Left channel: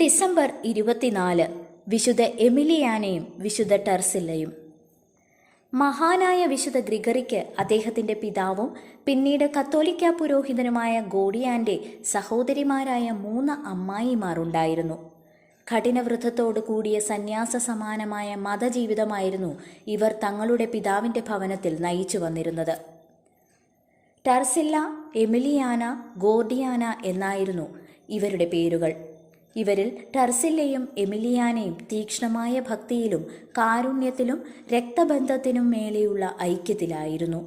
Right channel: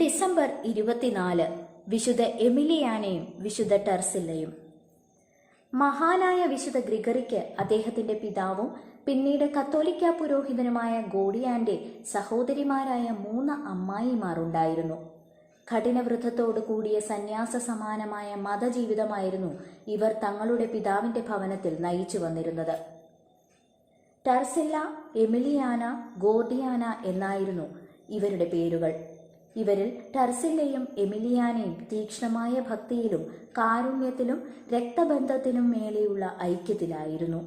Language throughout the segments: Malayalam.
ഡിസംബർ 24 വിശുദ്ധ എമിലിയാനയും വിശുദ്ധ ടർസില്ലയും. മഹാനായ വിശുദ്ധ ഗ്രിഗറിക്ക് അദ്ദേഹത്തിൻ്റെ പിതാവും പിന്നീട് കത്തോലിക്ക പുരോഹിതനുമായ ഗോഡിയാൻ്റെ സഹോദരിമാരായ 3 അമ്മായിമാർ ഉണ്ടായിരുന്നു. കഠിനവ്രതത്തോടു കൂടിയ സന്യാസ സമാനമായ മതജീവിതമായിരുന്നു ഇവർ തങ്ങളുടെ പിതാവിൻ്റെ ഭവനത്തിൽ നയിച്ചു വന്നിരുന്നത്. ടർസില്ല, എമിലിയാന, ഗോർഡിയാന എന്നായിരുന്നു ഇവരുടെ പേരുകൾ. ഇവരിൽ ടർസില്ലയും എമിലിയാനയും തീക്ഷ്ണമായ ഭക്തിയിലും കാരുണ്യത്തിലും രക്തബന്ധത്തിനും മേലെയുള്ള ഐക്യത്തിലായിരുന്നു.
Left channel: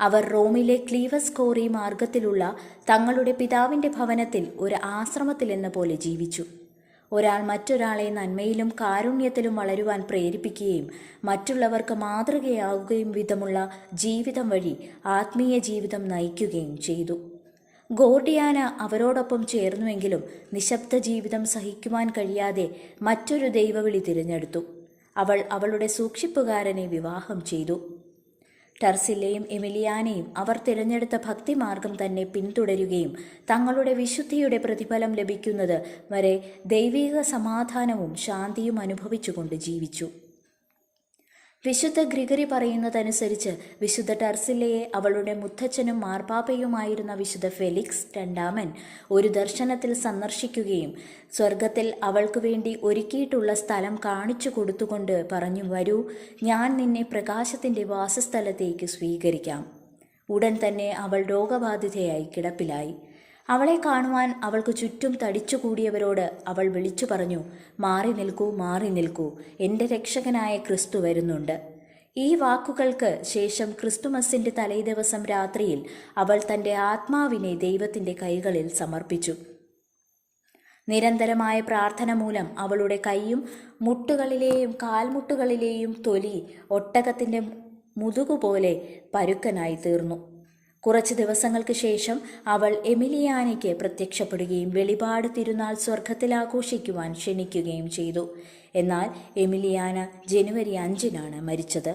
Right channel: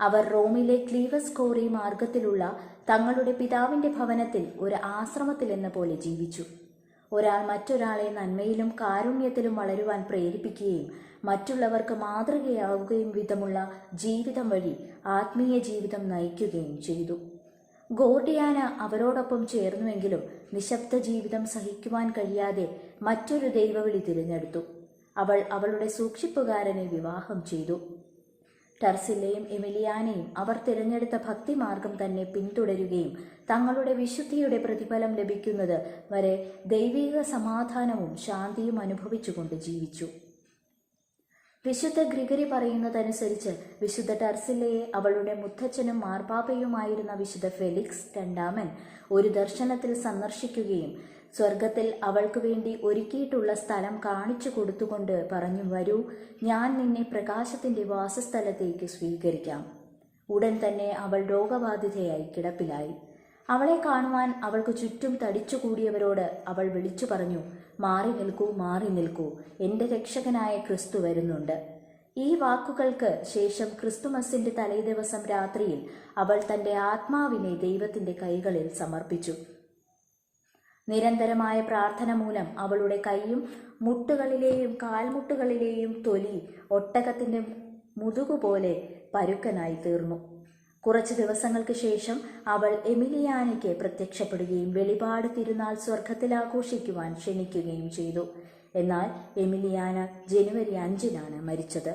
അവർ റോമിലെ ക്ലീവസ് കോറി മാർഗത്തിലുള്ള തങ്ങളുടെ പിതാവിൻ്റെ ഭവനത്തിൽ ഒരു ആശ്രമത്തിലെന്ന പോലെ ജീവിച്ചു. ഒരാൾ മറ്റൊരാളെ നന്മയിലും കാരുണ്യത്തിലും വളരുവാൻ പ്രേരിപ്പിക്കുകയും മറ്റുള്ളവർക്ക് മാതൃകയാവുകയും വിധമുള്ള ജീവിതം വഴി ആത്മീയ ജീവിതം നയിക്കുകയും ചെയ്തു. ഗോർഡിയാന അവരോടൊപ്പം ചേർന്നുവെങ്കിലും നിശബ്ദ ജീവിതം സഹിക്കുവാൻ കഴിയാതെ മറ്റൊരു ദൈവവിളി തിരഞ്ഞെടുത്തു. അവൾ അവളുടെ സൂക്ഷിപ്പുകാരനെ വിവാഹം ചെയ്തു. ടർസില്ലയും എമിലിയാനയും അവർ തിരഞ്ഞെടുത്ത ഭക്തിമാർഗം തന്നെ പിന്തുടരുകയും തങ്ങളുടെ വിശുദ്ധിയുടെ പ്രതിഫലം ലഭിക്കുന്നത് വരെ ദൈവിക സമാധാനവും ശാന്തിയും അനുഭവിച്ചുകൊണ്ട് ജീവിച്ചു. വിശുദ്ധ ഗ്രിഗറി പറയുന്നതനുസരിച്ച് വിശുദ്ധ ടർസില്ലയെ അവളുടെ മുത്തച്ഛനും മാർപ്പാപ്പയുമായിരുന്ന വിശുദ്ധ ഫെലിക്സ് രണ്ടാമൻ ഒരു ദർശനത്തിൽ സന്ദർശിക്കുകയും സ്വർഗത്തിൽ അവൾക്ക് വേണ്ടി ഒരുക്കിയിട്ടുള്ള സ്ഥലം കാണിച്ചു കൊടുത്തുകൊണ്ട് പറഞ്ഞു, വരൂ, ഞാൻ നിന്നെ പ്രകാശത്തിൻ്റെ വാസസ്ഥലത്തേക്ക് സ്വീകരിക്കാം. ഉടൻ തന്നെ അവൾ രോഗബാധിതയായി കിടപ്പിലായി. അവളെ കാണുവാൻ അവൾക്ക് ചുറ്റും തടിച്ചുകൂടിയവരോട് അവൾ വിളിച്ചു പറഞ്ഞു, മാറി നിൽക്കൂ, മാറി നിൽക്കൂ, എൻ്റെ രക്ഷകനായ ക്രിസ്തു വരുന്നുണ്ട്. ഈ വാക്കുകൾക്ക് ശേഷം ക്രിസ്തുമസിൻ്റെ തലേദിവസം രാത്രിയിൽ അവൾ തൻ്റെ ആത്മാവിനെ ദൈവത്തിൻ്റെ കൈകളിൽ സമർപ്പിച്ചു. നിരന്തരമായ പ്രാർത്ഥന മൂലം അവളുടെ കൈയും മുട്ടുകളിലെയും കാൽമുട്ടുകളിലെയും തൊലി ഒട്ടകത്തിൻ്റെ മുതുകുപോലെ പരുക്കനായി തീർന്നു. കുറച്ച് ദിവസങ്ങൾക്ക് ശേഷം അവൾ എമിലിയാനയ്ക്ക് പ്രത്യക്ഷപ്പെടുകയും വെളിപാട് തിരുനാൾ സ്വർഗത്തിൽ ആഘോഷിക്കുവാൻ ക്ഷണിക്കുകയും ചെയ്തു. എന്നാൽ എമിലിയാന ജനുവരി 5-നാണ് മരിച്ചത്.